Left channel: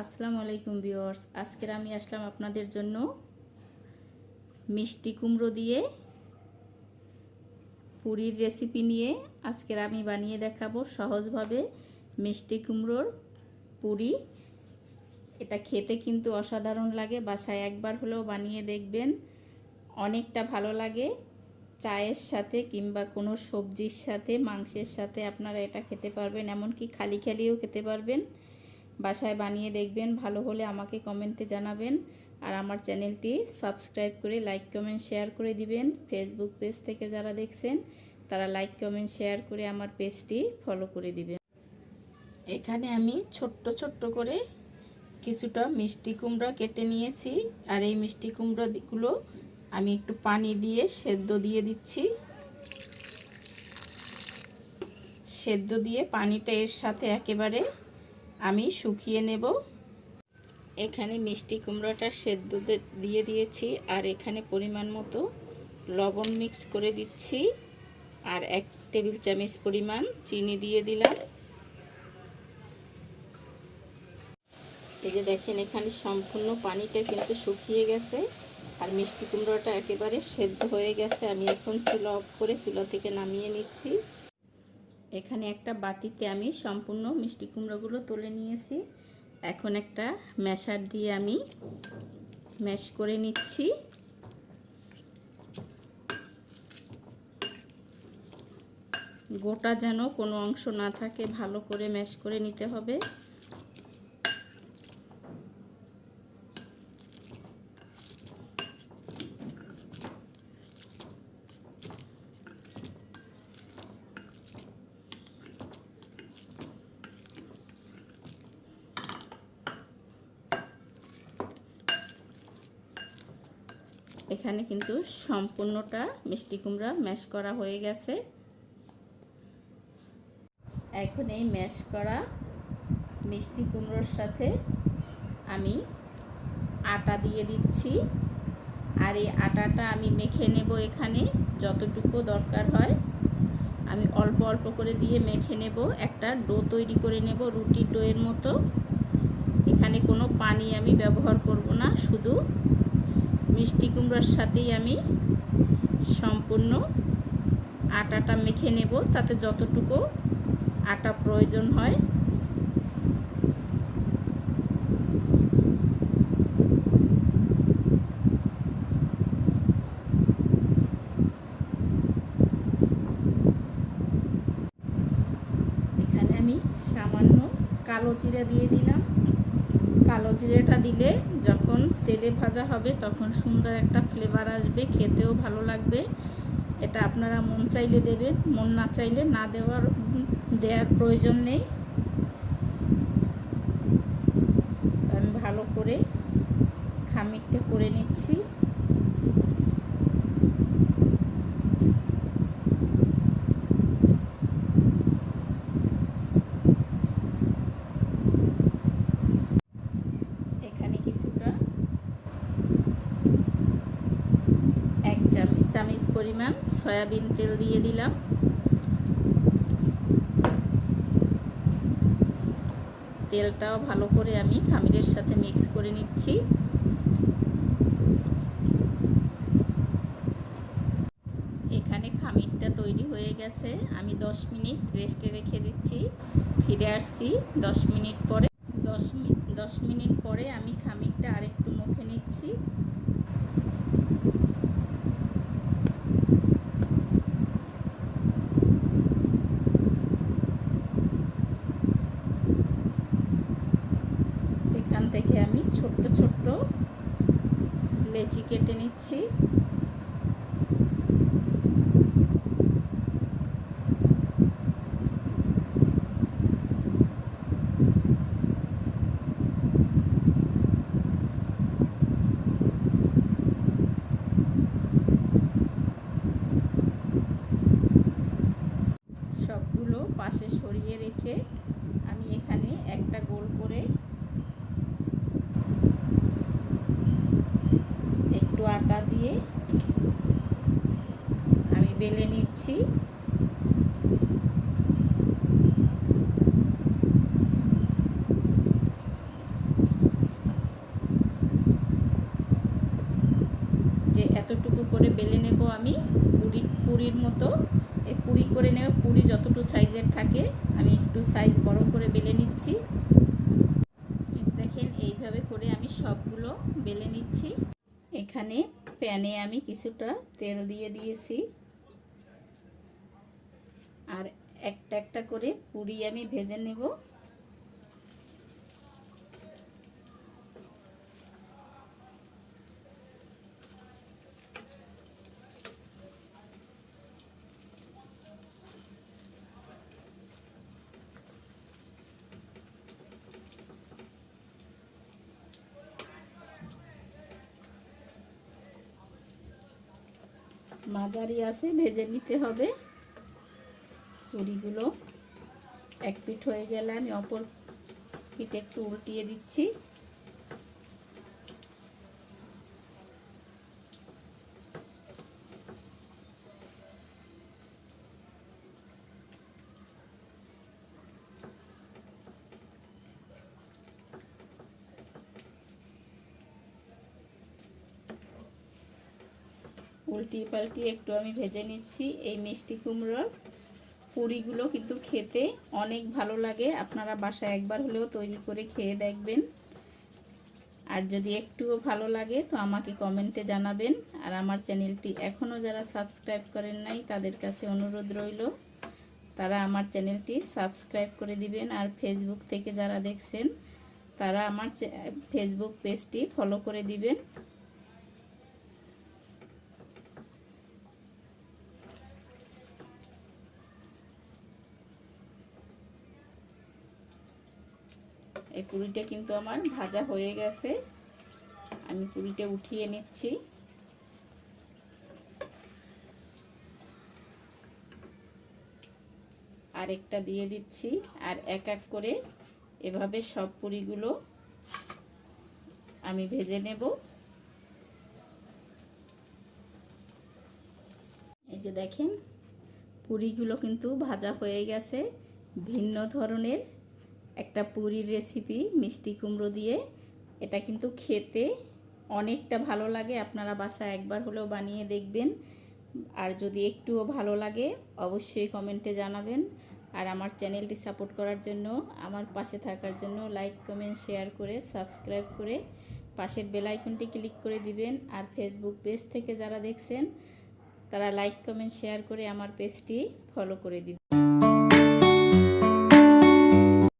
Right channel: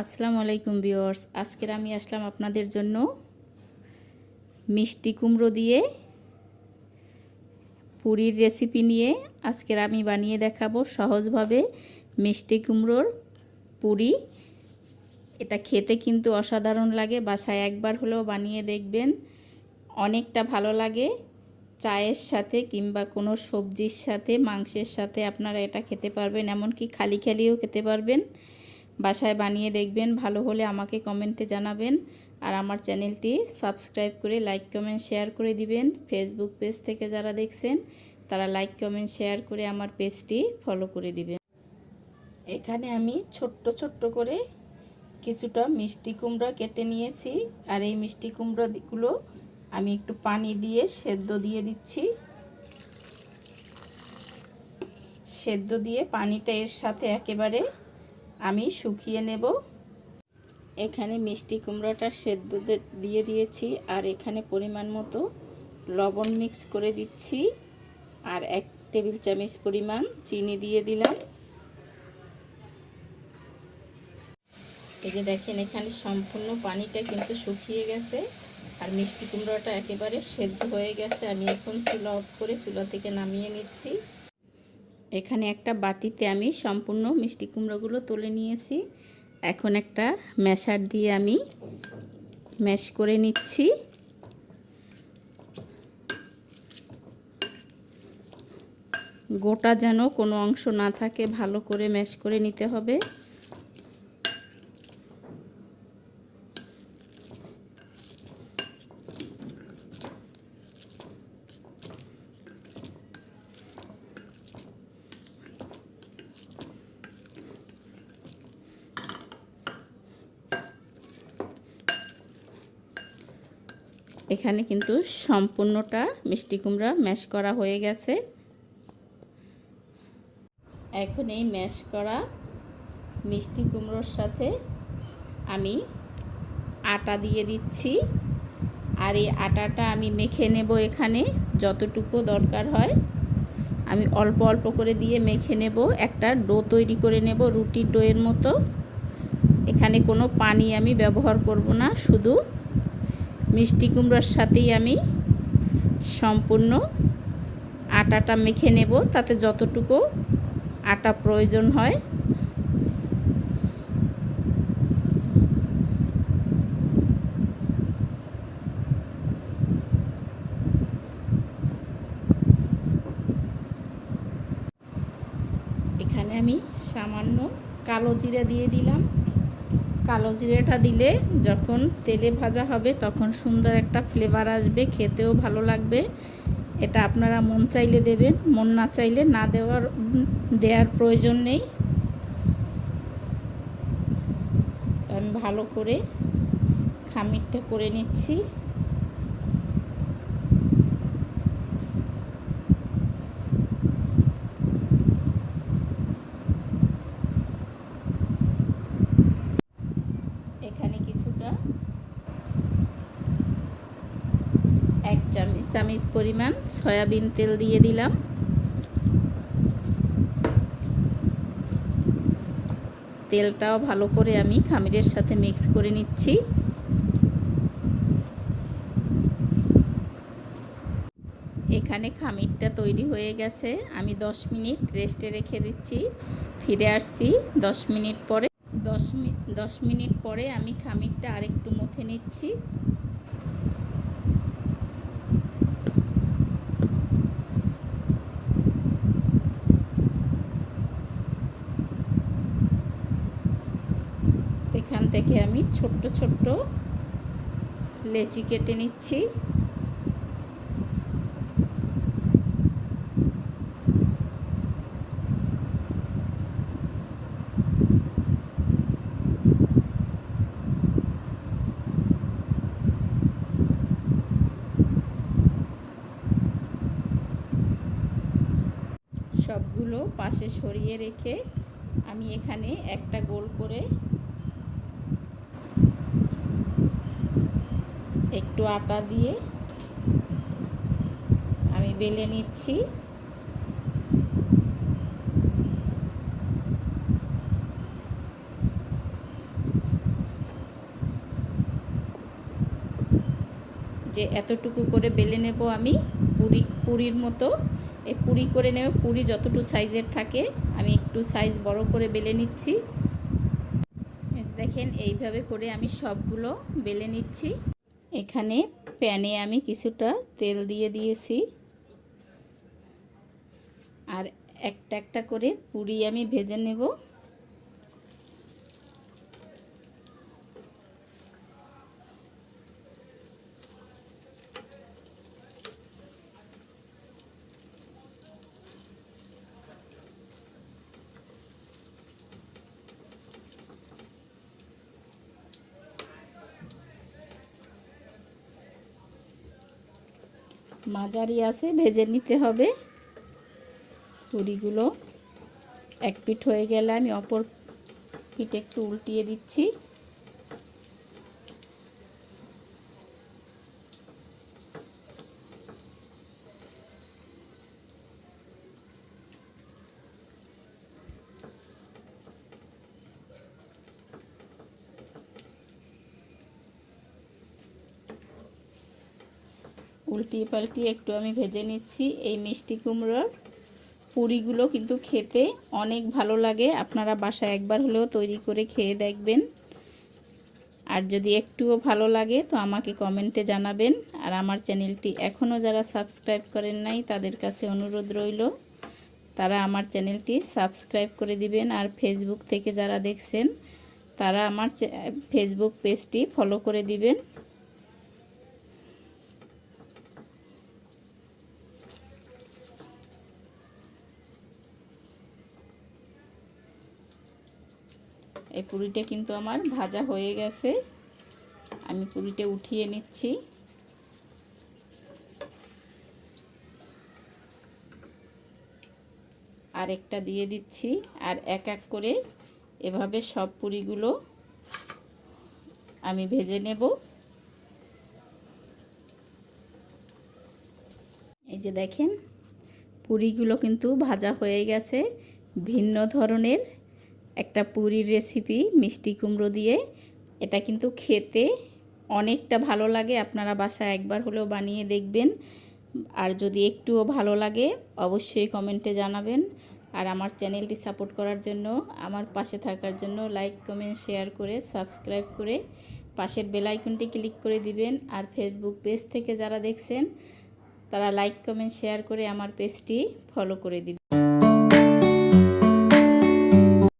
আসসালামু আলাইকুম ভিউয়ার্স। আজকের আমি আসলাম আপনাদের জন্য মিষ্টি কুমড়ো দিয়ে পুরীর রেসিপি নিয়ে। আজকের আমি বানিয়ে দেখাবো সহজভাবে মিষ্টি কুমড়োর পুরি। এটা খেতে কিন্তু অসাধারণ লাগে, বাসায় একবার হলেও বানিয়ে দেখবেন। অনেকটা ভালো লাগে চায়ের সাথে কিংবা কোনো সবজির সাথে, মাংসের সাথে আপনারা এটা খেতে পারবেন, এমনকি খালি খালিও খেতে পারবেন। বাসায় বানিয়ে দেখবেন, ভালো হলে আমাকে কমেন্টে জানাবেন। আর আমার চ্যানেলটি সাবস্ক্রাইব করে লাইক, কমেন্ট, শেয়ার করে দিবেন। ফেসবুক পেজ থেকে যারা দেখছেন, তারা লাইক, কমেন্ট, শেয়ার করে আমার পেজটি ফলো করে দিবেন। এখানে আমি ছোট্ট ছোট্ট করে কিছুটা মিষ্টি কুমড়া কেটে নিয়েছি। আর এই মিষ্টি কুমড়োগুলো আমি একটু পানি দিয়ে সেদ্ধ দিয়ে দিচ্ছি। সেদ্ধ দিয়ে পানিটা এর সাথে একেবারে আমি শুকিয়ে নেব। এখানে মিষ্টি কুমড়োটা সেদ্ধ দিয়ে দিয়েছি। আর এখানে পরিমাণ মতো লবণ মিক্স করে দিচ্ছি। আর এক টেবিল চামচ পরিমাণ চিনি দিয়ে দিলাম। এই যে দেখেন, এখানে সম্পূর্ণ পানিটা কিন্তু শুকিয়ে গেছে। আর মিষ্টি কুমড়োটা একেবারে সেদ্ধ হয়ে গেছে। আমি এখন চুলা অফ করে চুলা থেকে নামিয়ে নিচ্ছি। এখানে একটা বাটিতে আমি সম্পূর্ণ মিষ্টি কুমড়োগুলো তুলে নিয়েছি। এখন একটা ম্যাশার দিয়ে আমি ম্যাশ করে নিচ্ছি। গোটা যেন কোনো অংশ না থাকে, ভালো করে ম্যাশ করে নিতে হবে। এখানে কিন্তু সম্পূর্ণটা মিষ্টি কুমড়া ম্যাশ করা হয়ে গেছে। এখন এই ম্যাশ করা মিষ্টি কুমড়োর সাথে আমি আটা দিয়ে দিচ্ছি। আর এই আটাটা আমি মেখে নেব এখানে যতটুকু দরকার হয়। আমি অল্প অল্প করে দিয়ে মেখে নেব। একটা ডো তৈরি করে নেব রুটির ডোয়ের মতো। এখানে কোনো পানি আমি ব্যবহার করব না, শুধু মিষ্টি কুমড়ার সাথেই আমি সম্পূর্ণ আটাটা মেখে নেব। তাতে যতটুকু আটা প্রয়োজন হয়। এখানে আমি সামান্য কালো জিরা দিয়ে দিলাম। কালো জিরেটা দিলে যখন তেলে ভাজা হবে তখন সুন্দর একটা ফ্লেভার আসবে, খেতেও ভালো লাগবে। এটা আপনারা মন চাইলে দেবেন, মন না চাইলে না দেওয়ার দেওয়ার প্রয়োজন নেই। আমি ভালো করে খামিরটা করে নিচ্ছি এক চামচ পরিমাণ সয়াবিন তেল দিয়ে দিলাম। তেলটাও ভালো করে আমি খামিরের সাথে মিক্স করে নিচ্ছি। এখানে খামিরটা তৈরি হয়ে গেছে। আমি 10 মিনিট রেস্টে রেখে দিচ্ছি। ফিরে আসছি 10 মিনিট পরে। 10 মিনিট 10 মিনিট পরে আমি খামিরটা আরেকটু মুখে নিচ্ছি। এখান থেকে আমি ছোট্ট ছোট্ট লেচি কেটে নিচ্ছি। সবগুলো পাশে সরিয়ে রেখে আমি এখানে একটা গোল আটা দিয়ে আমি বেলে নিচ্ছি। যে এতটুকু করে বেলে নেব আমি, পুরি, পুরির মতো। এই পুরি করে নেব পুরি যতটুকু সাইজের থাকে, আমি একটু সাইজ বড় করে বেলে নিচ্ছি। দেখেন, এইভাবে করে আমি সবগুলো বেলে নিচ্ছি। এখানে প্যানে আমি কিছুটা তেল দিয়ে দিয়েছি। আর একটা একটা করে পুরি আমি ভেজে নেব। মাঝারি আছে, ভেজে নিতে হবে। পুরিগুলো এক পিঠ হয়ে গেলে আমি অপর পিঠে একটু উল্টিয়ে দিচ্ছি। উল্টিয়ে পাল্টিয়ে একটু আমি ভেজে নিচ্ছি। এই মিষ্টি কুমড়োর পুরিগুলো কিন্তু খেতে অনেক ভালো লাগে। আপনারা বাসায় একবার হলেও তৈরি করে খেয়ে দেখবেন। আর যদি একটুও ভালো লাগে তো আমাকে কমেন্টে জানাবেন। আর আমার চ্যানেলটি এখনও যারা সাবস্ক্রাইব করেন নাই, তাদের কাছে অনুরোধ রইল, তারা আমার চ্যানেলটি সাবস্ক্রাইব করে দিবেন। আর ফেসবুক থেকে যারা দেখছেন, তারা আমার ফেসবুক পেজটি ফলো করে দিবেন। এই পুরিটা কিন্তু আমার ভাজা হয়ে গেছে। আমি পুরিটা উঠিয়ে নিচ্ছি। আর একটা দিয়ে দিচ্ছি আর এক এক করে এভাবে সব পুরিগুলো আমি ভেজে নেব। এই যে দেখেন, পুরিগুলো কিন্তু ভাজা হয়ে গেছে ভিন্ন ধরনের। একটা পুরীর রেসিপি মিষ্টি কুমড়ো দিয়ে। এটা কিন্তু খেতে অনেকটা ভালো লাগে। আপনারা বাসায় একবার হলেও বানিয়ে দেখবেন। আর যদি একটুও ভালো লাগে, অবশ্যই কমেন্টে জানাবেন। আর আমার চ্যানেলটি সাপোর্ট করার জন্য, আমার পাশে থাকার জন্য লাইক কমেন্ট শেয়ার করে সাবস্ক্রাইব করে পাশের বেলাইকনটি ক্লিক করে দিবেন। আর ফেসবুক পেজ থেকে যারা দেখছেন, তারা লাইক কমেন্ট শেয়ার করে আমার পেজটি ফলো করে দিবেন।